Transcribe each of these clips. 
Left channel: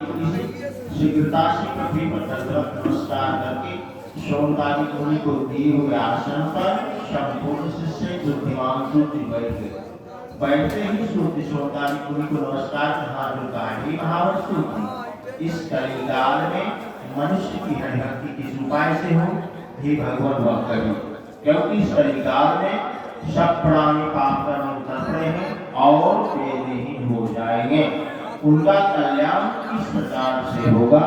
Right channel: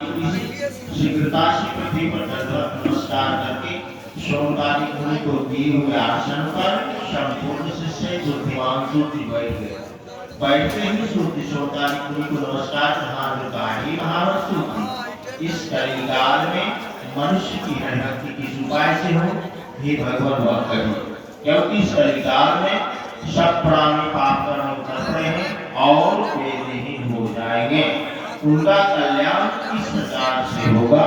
शीघ्रता से पृथ्वी पर दंडवत नमस्कार करके सोमवारी मुनि को दिए हुए आसन पर संपूर्ण शिष्य बुद्धिमान सूर्य बैठ गए। बैठते ही सूर्य सोमवारी मुनि को नमस्कार महावत सूर्य, इस कलिकाल में मनुष्य की हरिभक्ति किस उपाय से हो, हे भगवान वह कही, क्योंकि इस कलिकाल में सब प्राणी पाप कर्म कर रहे हैं और वे नहीं हो जाएंगे। उनका कल्याण किस प्रकार से होगा।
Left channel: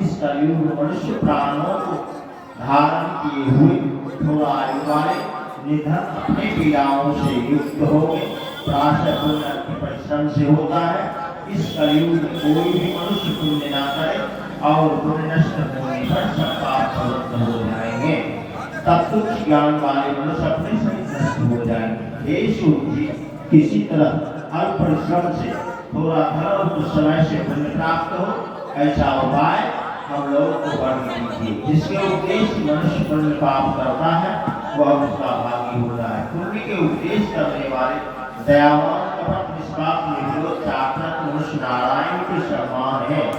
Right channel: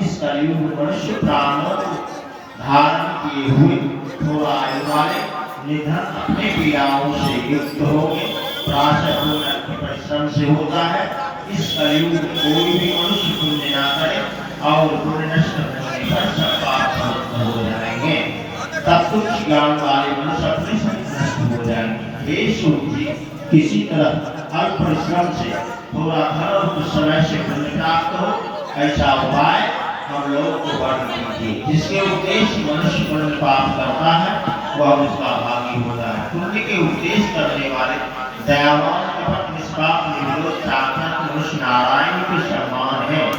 इस कलयुग मनुष्य प्राणों को धारण किए हुए थोड़ा आयु वाले निधन अपने पीड़ाओं से युक्त होंगे। प्राशः पुण्य के परिश्रम से होता है। इस कलयुग में कोई भी मनुष्य पुण्य ना करे और पुण्य नष्ट होने पर सब पाप समाप्त हो जाएंगे। तब कुछ ज्ञान वाले मनुष्य अपने से नष्ट हो जाएंगे। हे सूर्य, किसी तरह अल्प परिश्रम से थोड़ा धन और कुछ समय से पुण्य प्राप्त हो, ऐसा उपाय हम लोग को वर्णन कीजिए। जिसके उद्देश्य मनुष्य पुण्य पाप करता है वह उसका भागी होता है। पुण्य के उद्देश्य करने वाले दयावान कपट निष्पाप निर्दोष साक्षात मनुष्य नारायण के सम्मान है।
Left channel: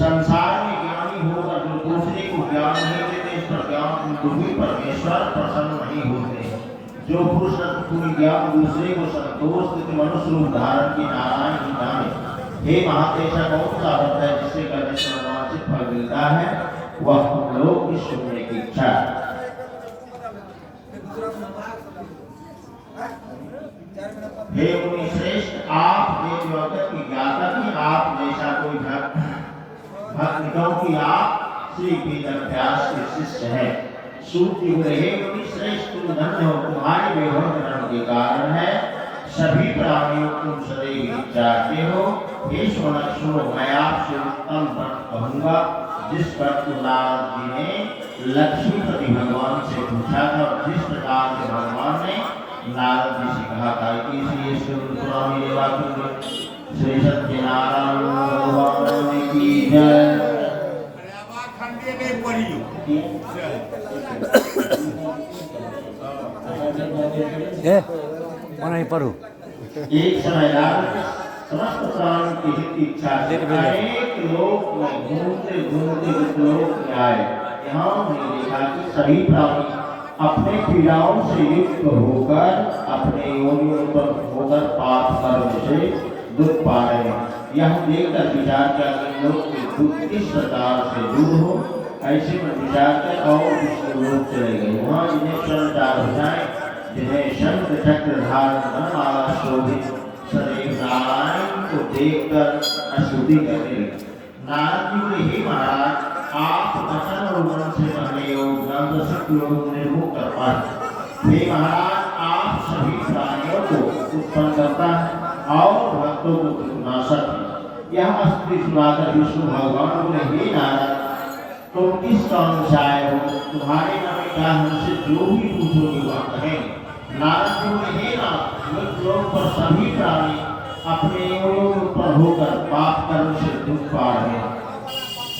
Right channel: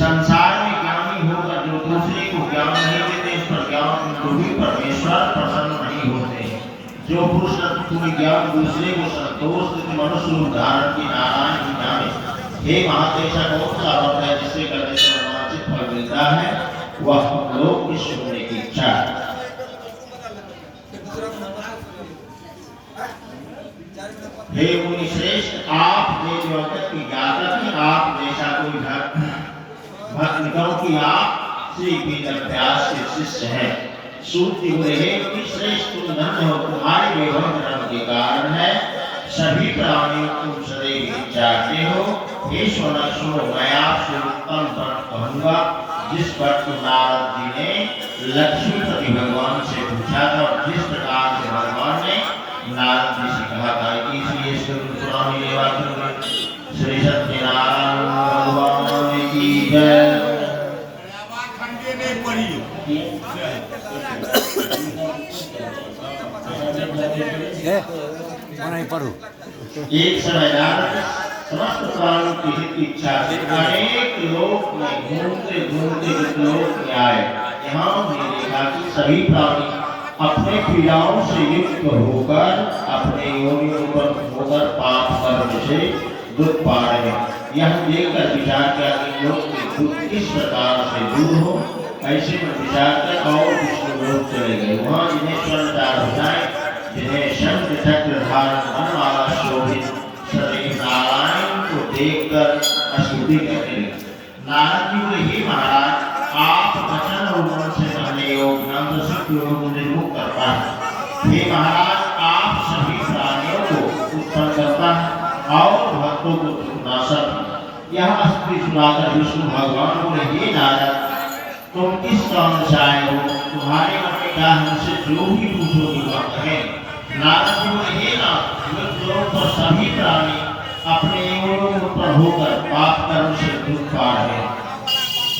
संसार में ज्ञानी होकर जो दूसरे को ज्ञान नहीं देते, इस पर ज्ञान भी परमेश्वर प्रसन्न नहीं होते। जो पुरुष पूरी ज्ञान दूसरे को संतोष देते मनुष्य रूप धारण की नारायण ही जाने। हे महातेज, कौन सा व्रत है जिससे करने से मनोवांछित फल मिलता है, वह हम लोग की सुनने की इच्छा है। हे मुनि श्रेष्ठ, आप ये जगत की ज्ञाता की आप जैसा कोई भक्त क्योंकि आप श्री वेद व्यास के शिष्य हैं। सूर्य बोले, हे मुनि श्रेष्ठ, तुम धन्य हो, तुम्हारे वैभव धर्म के कारण है सभी प्राणियों को तुम सदैव चाहते हो। हे सोनक सुनो, मैं आपसे उत्तम बात कहूंगा। जिस पर नारद जी ने लक्ष्मीपति भगवान से पूछा था और जिस प्रकार से भगवान ने नारद जी से कहा था, इसलिए पुरानी लेवा श्री सत्यनारायण भगवान की जय। एक समय नारद समस्त प्राणों की हित की इच्छा से अनेक लोक में घूमते घूमते लोक में आए। यहाँ हमने देखा कि सभी प्राणी अपने पीड़ाओं से युक्त होकर अपने योनियों पर होकर पाप कर्म से दुख पा रहे हैं। यह देखकर विचार किया कि लोग के दुख किस प्रकार से दूर हो। ऐसे में विचार कर और विष्णु लोक चले गए। वहाँ जिन्हें स्वर्ण चार भुजाएं, जिन्हें शंख चक्र धारण वाला शोभित शरीर नारायण को देखकर स्तुति करने लगे। नारद जी बोले, हे महाराज, आप वचन और मन से पहले योग ग्रंथ शक्ति योग निर्मुख कर पाए। हे महाराज, आप सभी प्राणियों को उत्पन्न करता है और भक्तों को नाशक है। यह स्तुति सुनाकर विष्णु भगवान बोले, हे नारद, तुम किस काम से आए हो? तुम्हारे मन में क्या हमसे जो भी पूछोगे वह कहें। नारद जी बोले, हे नाथ, मृत्युलोक पर सभी प्राणी अपने योनियों पर होकर पाप कर्म से दुख पा रहे हैं।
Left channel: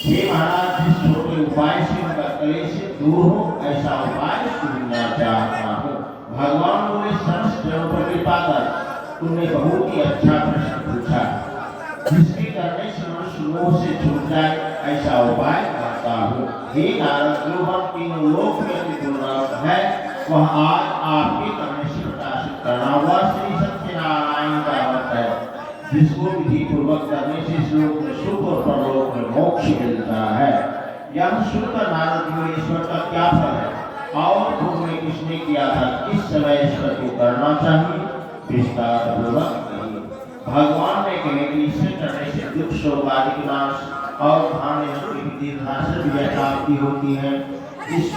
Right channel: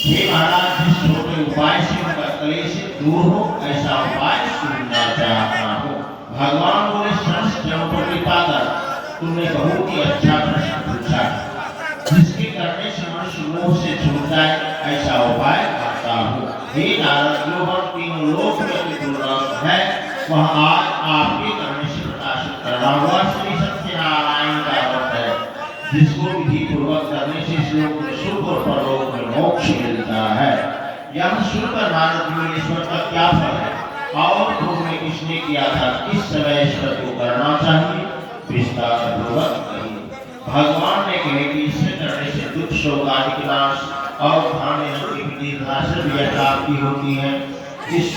हे महाराज, जिस छोटे उपाय से उनका क्लेश दूर हो, ऐसा उपाय सुनना चाहता हूँ। भगवान बोले, समस्त जनों पर कृपा कर, तुमने बहुत ही अच्छा प्रश्न पूछा, जिसके करने से मनुष्य मोह से छूट जाए, ऐसा उपाय करता हूँ। हे नारद, जो हम तीनों लोक में दुर्लभ है वह आज आपके करने से प्रकाशित करना हुआ श्री सत्यनारायण का व्रत है, जिसको विधि पूर्वक करने से इस लोक में सुख और परलोक में मोक्ष मिलता है। यह सुनकर नारद जी, ईश्वर का क्या फल है और तुमने किसने किया था, किस समय ईश्वर को करना चाहिए, विस्तार पूर्वक कहिए। भगवान ने कहे कि इसे करने से दुख शोक आदि के नाश और दीर्घासन प्राप्ति होती है। इस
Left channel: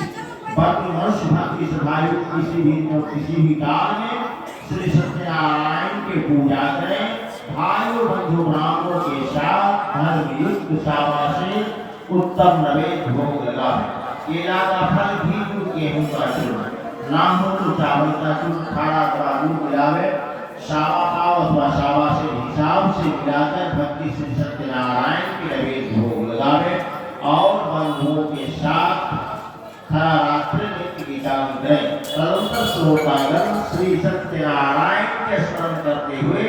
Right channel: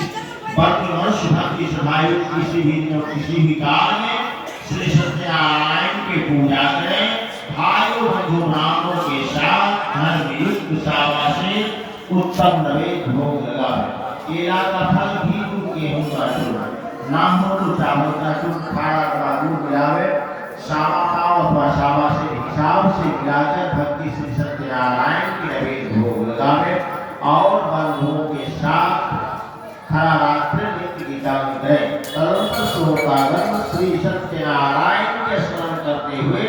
मनुष्य भक्ति सभायु किसी भी काल में श्री सत्यनारायण के पूजा करें, भाइयों बंधु ब्राह्मणों के साथ धर्म युक्त सावा से उत्तम नवेद भोग लगावे। केला का फल भी दूध गेहूं का चूर्ण ना हो तो चावल का चूर्ण खाना का दूध मिलावे। सावा पाव अथवा सावा से हिसाब से मिलाकर भक्ति श्री सत्यनारायण के नवेद भोग लगावे और बंधुओं के साथ हरा रात्रि नित्य गीता करें। तदनंतर श्लोकागम श्री सत्यनारायण के स्मरण करते हुए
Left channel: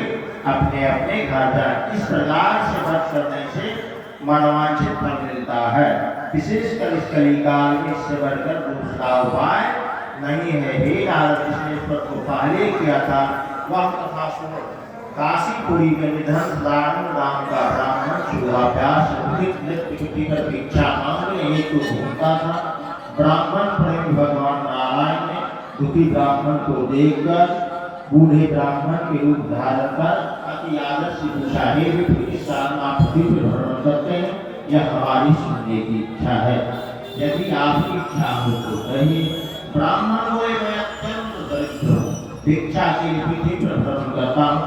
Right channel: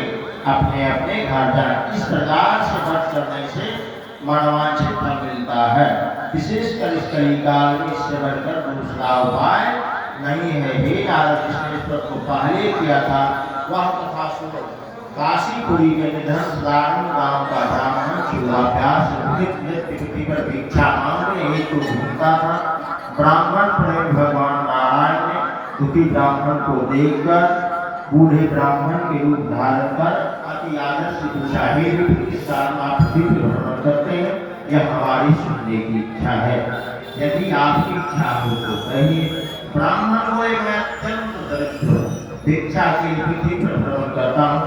अपने अपने घर जाए। इस प्रकार से व्रत करने से मनोवांछित फल मिलता है। विशेषकर इस कलिकाल में इससे बढ़कर दूसरा उपाय नहीं है। हे नारद, जिसने ईश्वर को पहले किया था वह कथा सुनो। काशीपुरी में निधन साधारण गांव का ब्राह्मण सूर्याभ्यास नृत्य पर भिक्षा मांगने हेतु घूमता था। ब्राह्मण प्रेम भगवान नारायण ने दुखी ब्राह्मण को देखकर बूढ़े ब्राह्मण के रूप धारण कर अति आदर से पूछा, हे विप्र, इस साल आप पृथ्वी पर भ्रमण करते हैं, यह हमारी सुनने की इच्छा है। यदि आपकी इच्छा हो तो कहिए। ब्राह्मण बोले, मैं अत्यंत दरिद्र हूँ, भिक्षा के लिए पृथ्वी पर भ्रमण करता हूँ।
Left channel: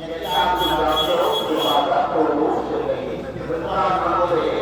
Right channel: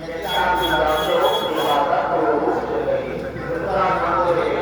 यदि आप जानते हो तो यह बात को रूप से कहिए। ब्राह्मण बोले,